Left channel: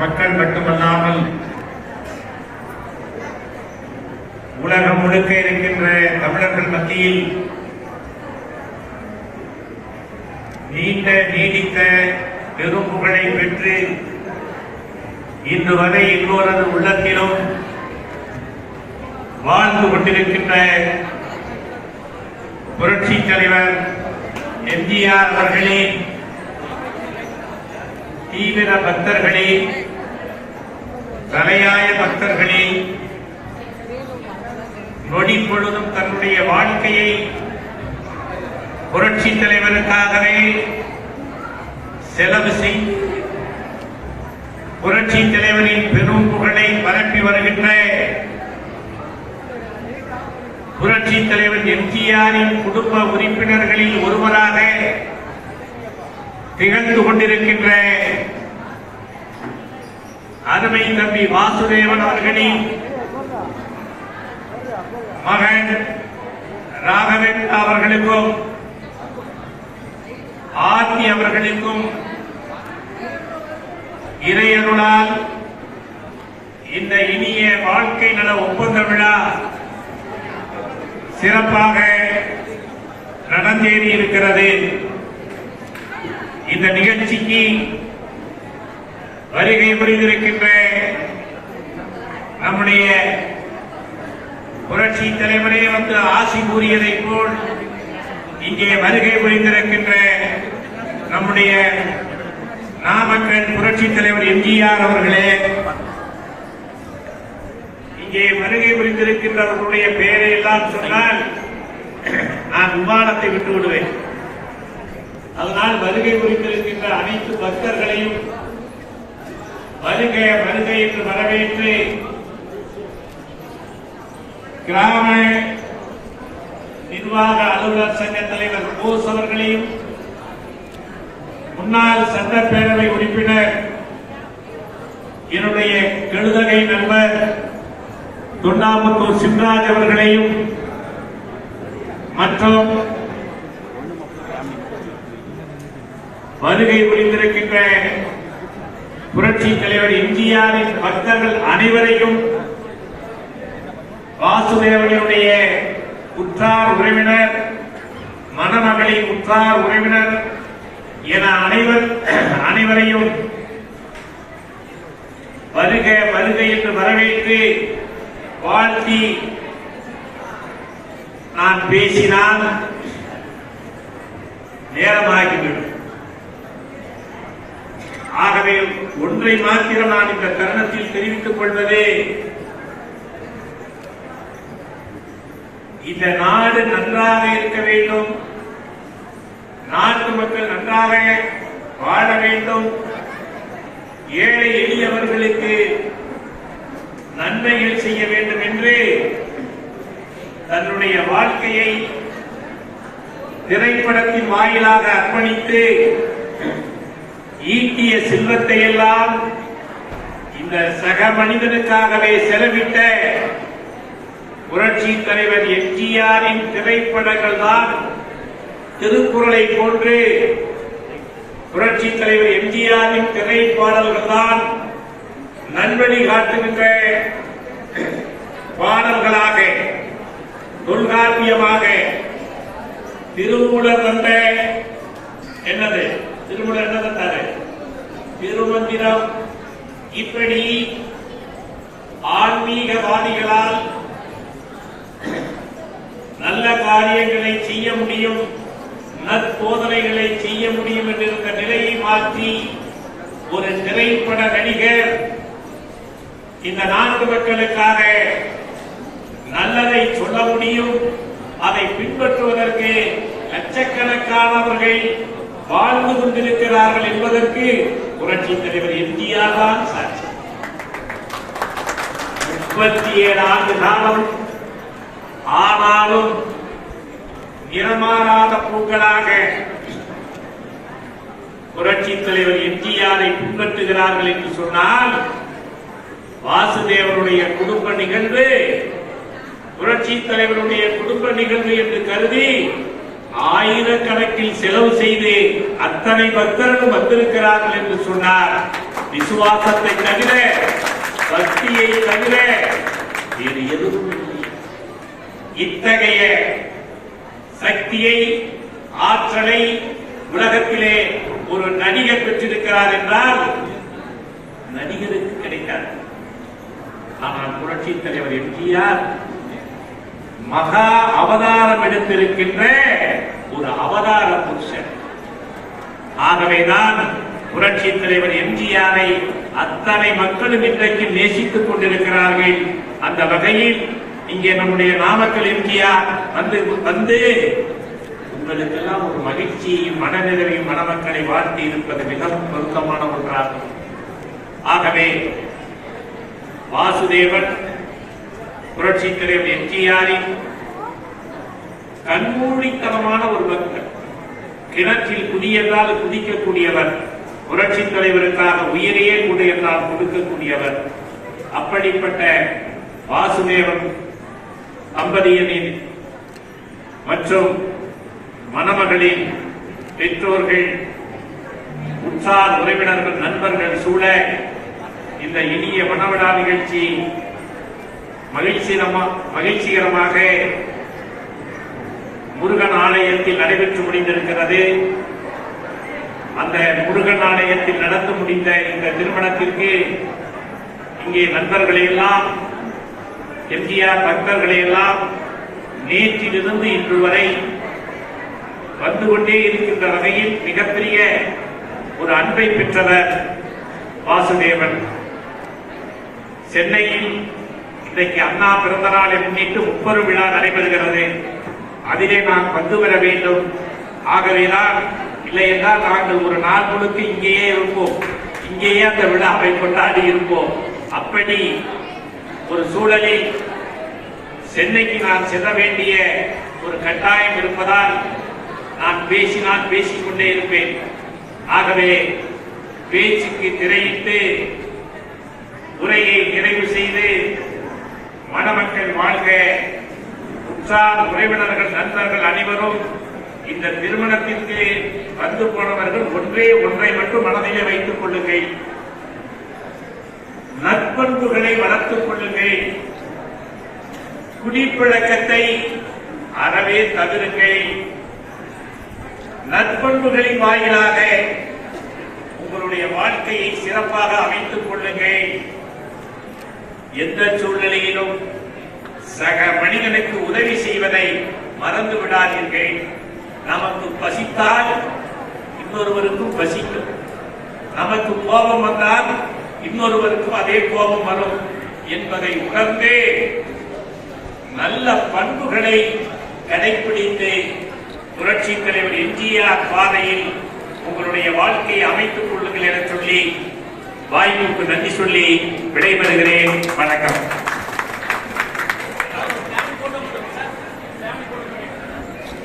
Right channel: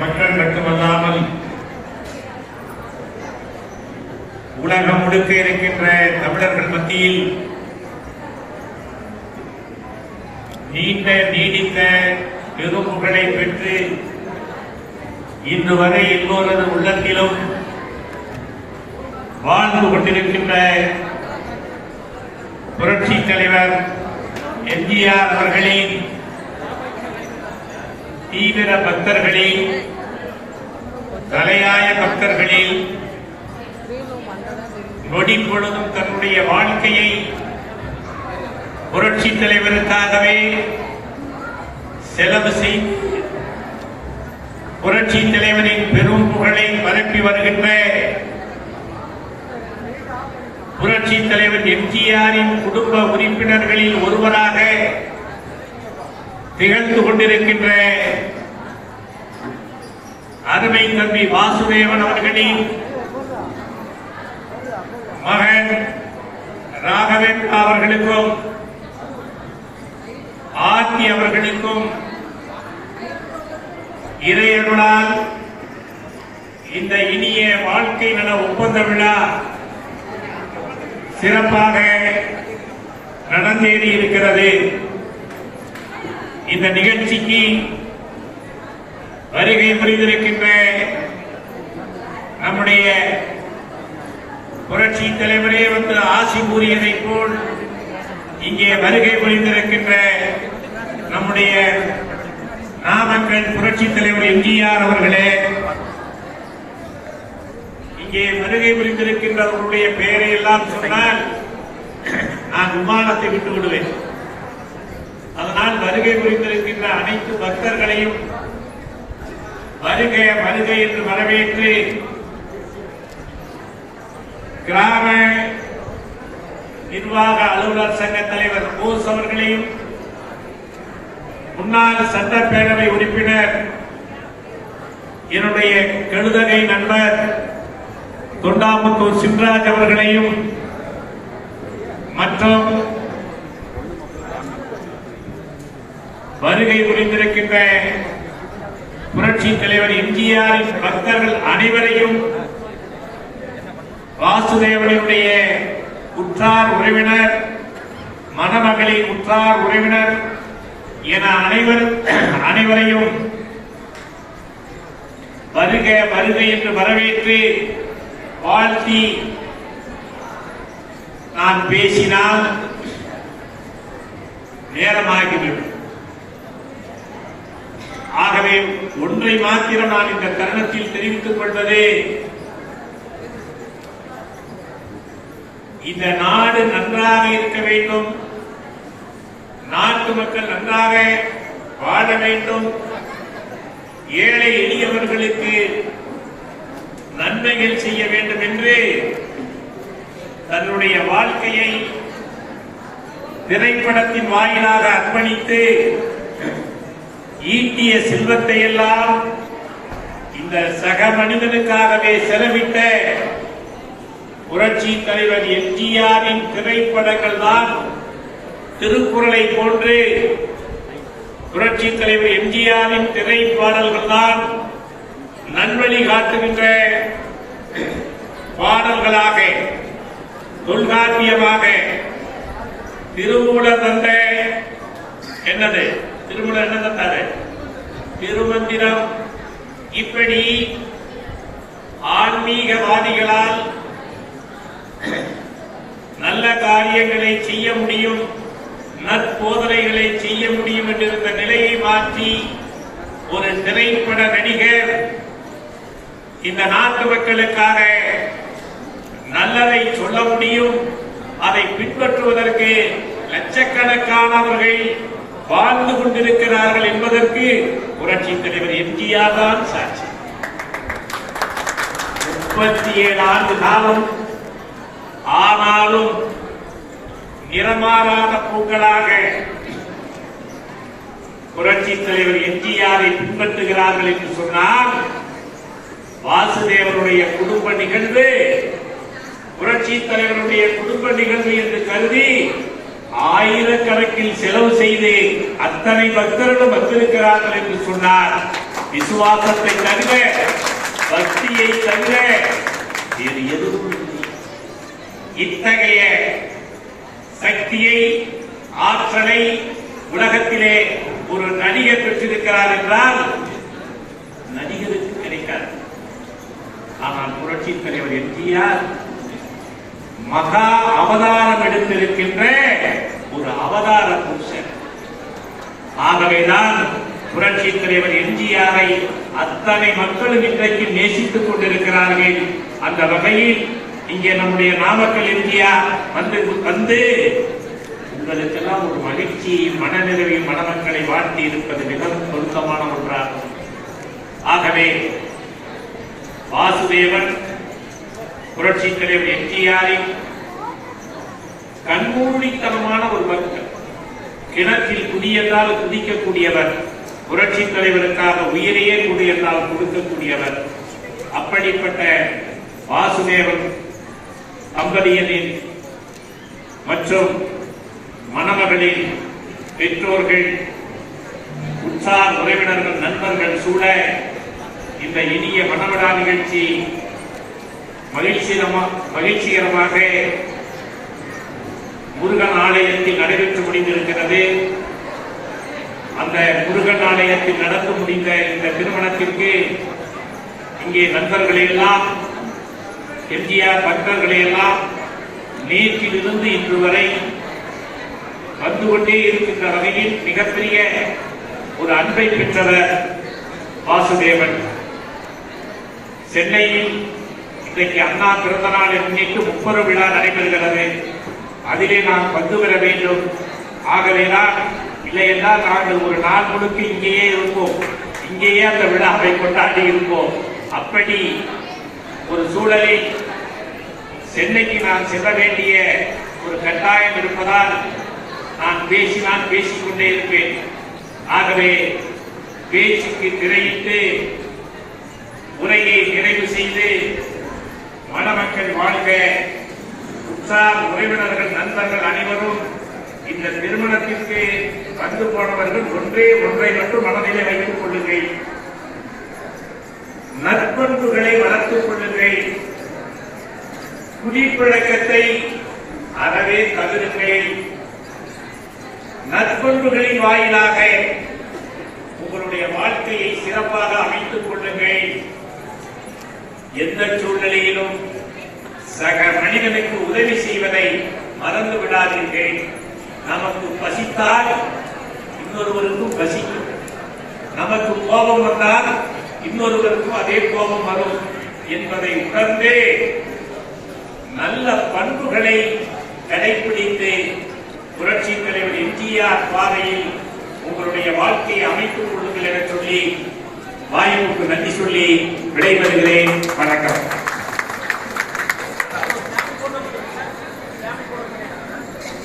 மக்கள் மட்டுமல்லாமல் உலகம் முழுக்க இருக்கின்ற தமிழர்கள் மத்தியில் நீண்ட நீடித்த பெரும்புகளை பெற்று இன்று வரை எல்லோரது உள்ளத்திலும் வாழ்ந்து கொண்டிருக்கின்ற புரட்சி தலைவர் எம்ஜிஆர் அவர்களின் தீவிர பக்தர்களே தலையாய பக்தர்களே நொடி பொழுதும் தன்னுடைய வாழ்க்கையை புரட்சி தலைவருக்காகவே செலவு செய்து புரட்சி தலைவரின் பெரும் புகழை பரப்பி வருகின்ற புரட்சி தலைவர் எம்ஜிஆரின் குடும்ப உறுப்பினர்களில் ஒருவராக திகழ்ந்து கொண்டிருக்கின்ற அருமை தம்பி வாசுதேவன் அவர்களின் மகன் ராகவேன் அவர்களுக்கும் ஆர்த்தி அவர்களுக்கும் இறையருளால் இந்த இனிய வாழ்க்கை நல ஒப்பந்த விழா சிறப்பாக நடந்தேறி இருக்கிறது. இந்த நிகழ்ச்சிக்கு வருகை புரிந்திருக்கின்ற நம்முடைய புரட்சி தலைவரே வந்து ஆசி கூறியதைப் போல் இங்கே வருகை புரிந்திருக்கின்ற நம்முடைய நாமக்கல் புரட்சி தலைவர் எம்ஜிஆர் அவர்களே இங்கே வருகை புரிந்திருக்கின்றவர்களுடைய பெயரை எல்லாம் சொன்னால் நான் விமானத்தை விட்டு விடுவேன் அதனால் வருகை குறித்திருக்கின்ற அனைத்து பக்தர்களையும் வருக வருகை என்று வரவேற்று கிராம நிர்வாக அலுவலர் சங்க தலைவர் போஸ் அவர்களையும் முன்னாள் சட்டப்பேரவை உறுப்பினர் என்னுடைய கழுதகை நண்பர் தொண்டாமுத்தூர் சிம்ராஜ் அவர்களையும் மற்றும் வருகை புரிந்திருக்கின்ற புரட்சி தலைவர் எம்ஜிஆரின் பக்தர்கள் அனைவரையும் வாசுதேவனுடைய உற்றார் உறவினர் மணமகளின் உற்றார் உறவினர் என அனைவர் அனைவரையும் வருக வருக என்று வரவேற்று வாழ்த்தி நான் பேசினால் நேரமாகிவிடும். ஆகவே ஒன்றை மாத்திரம் நான் இந்த தருணத்தில் தெரிவித்துக் கொள்வதே இந்த நாடு நன்றாக இருக்க வேண்டும். நாட்டு மக்கள் நன்றாக வாழ வேண்டும். ஏழை எளியவர்களுக்கு நன்மைகள் செய்ய வேண்டும் என்று தன்னுடைய வாழ்க்கையை திரைப்படத்தின் வாயிலாக அர்ப்பணித்து ஈட்டிய செல்வத்தை எல்லாம் இந்த சக மனிதனுக்காகவே செலவிட்ட புரட்சி தலைவர் எம்ஜிஆரின் திரைப்படங்கள் தான் திருக்குறளை போன்று புரட்சி தலைவர் எம்ஜிஆரின் திரைப்பாடல்கள் தான் நன்வழி காட்டுகின்ற பாடல்களாக தொல்காப்பியமாக திருமூலர் தந்த என்னது? திருமூலர் என்ன தந்தாரு திருமந்திரம் இப்படி ஆன்மீகவாதிகளால் நல்ல காரியங்களை செய்ய முடியும் நற்போதனைகளை செய்ய முடியும் என்றிருந்த நிலையை மாற்றி ஒரு திரைப்பட நடிகர் இந்த நாட்டு மக்களுக்காக நல்லதை சொல்ல முடியும் அதை பின்பற்றுவதற்கு லட்சக்கணக்கானவர்கள் வாழ்ந்து கொண்டிருக்கிறார்கள் என்பதற்கு புரட்சி தலைவர் எம்ஜிஆர் தான் சாட்சி. முப்பத்தி ஏழு ஆண்டு காலம் ஆனாலும் நிறமாறாத பூக்களாக புரட்சி தலைவர் எம்ஜிஆரை பின்பற்றுகிறார்கள் என்று சொன்னால் வாசுதேவனுடைய குடும்ப நிகழ்வு புரட்சி தலைவருடைய குடும்ப நிகழ்வு என்று கருதி ஆயிரக்கணக்கில் செலவு செய்து அத்தனை பக்தர்களும் வந்திருக்கிறார்கள் என்று சொன்னார். விசுவாசத்தை தவிர பக்தியை தவிர வேறு எதுவும் இத்தகைய சக்தியை ஆற்றலை உலகத்திலே ஒரு நடிகர் பெற்றிருக்கிறார் என்றால் நடிகருக்கு கிடைக்காது. ஆனால் புரட்சி தலைவர் எம்ஜிஆர் மகா அவதாரம் எடுத்திருக்கின்ற ஒரு அவதார புருஷன். ஆகவேதான் புரட்சி தலைவர் எம்ஜிஆரை அத்தனை மக்களும் இன்றைக்கு நேசித்துக் கொண்டிருக்கிறார்கள். அந்த வகையில் இங்கே நம்முடைய நாமக்கல் எம்ஜிஆர் வந்து வந்து உங்களுக்கெல்லாம் ஒரு மகிழ்ச்சி மனநிறைவை மணமக்களை வாழ்த்தி இருப்பது மிகவும் பொருத்தமான ஒன்றாகும். ஆகவே வாசுதேவன் புரட்சி தலைவர் எம்ஜிஆரின் கண்மூடித்தனமான ஒரு பக்தர் கிணற்றில் குதியென்றால் குதிக்கக்கூடியவர் புரட்சி தலைவருக்காக உயிரையே கொடு என்றால் கொடுக்கக்கூடியவர். அப்படிப்பட்ட வாசுதேவன் தம்பதியனின் மற்றும் மணமகளின் பெற்றோர்கள் உற்சார் உறவினர்கள் நண்பர்கள் சூழ இந்த இனிய மணவிழா நிகழ்ச்சி மகிழ்ச்சிகரமாக மகிழ்ச்சிகரமாக முருகன் ஆலயத்தில் நடைபெற்று முடிந்திருக்கிறது. அந்த முருகன் ஆலயத்தில் நடந்து முடிந்த இந்த திருமணத்திற்கு இங்கே நண்பர்களையெல்லாம் எம்ஜிஆர் பக்தர்களையெல்லாம் நேற்றிலிருந்து இன்று வரை வந்து கொண்டே இருக்கின்ற வகையில் மிகப்பெரிய ஒரு அன்பை பெற்றவர் வாசுதேவன். சென்னையில் இன்றைக்கு அண்ணா பிறந்த நாளை முன்னிட்டு முப்பது விழா நடைபெறுகிறது. அதிலே நாம் பங்கு பெற வேண்டும். ஆகவேதான் இல்லை என்றால் நாங்கள் ஒரு நாள் முழுக்க இங்கேயே இருப்போம். இங்கேயே அந்த விழாவை கொண்டாடி இருப்போம். அப்படி ஒரு சூழலில் சென்னைக்கு நான் செல்ல வேண்டிய ஒரு கட்டாயம் இருப்பதால் நான் பேசி நான் பேசிக்கொண்டே இருப்பேன். ஆகவே பேச்சுக்கு திரையிட்டு உரையை நிறைவு செய்து மணமக்கள் வாழ்க. உற்றார் உறவினர்கள் நண்பர்கள் அனைவரும் இந்த திருமணத்திற்கு வந்து போனவர்கள் ஒன்றே ஒன்றை மட்டும் மனதிலே வைத்துக் கொள்ளுங்கள். நற்பண்புகளை வளர்த்துக் கொள்ளுங்கள். குடிப்பழக்கத்தை அறவே தவிருங்கள். நற்பண்புகளின் வாயிலாக உங்களுடைய வாழ்க்கையை சிறப்பாக அமைத்துக் கொள்ளுங்கள். எந்த சூழ்நிலையிலும் சக மனிதனுக்கு உதவி செய்வதை மறந்து விடாதீர்கள். நமக்கு பசித்தால் இன்னொருவருக்கும் பசிக்கும். நமக்கு கோபம் வந்தால் இன்னொருவருக்கும் அதே கோபம் வரும் என்பதை உணர்ந்து நல்ல பண்புகளை கடைபிடித்து புரட்சி தலைவர் எம்ஜிஆர் பாதையில் உங்களுடைய வாழ்க்கையை அமைத்துக் கொள்ளுங்கள் என சொல்லி வாயுவுக்கு நன்றி சொல்லி விடைபெறுகிறேன். வணக்கம்.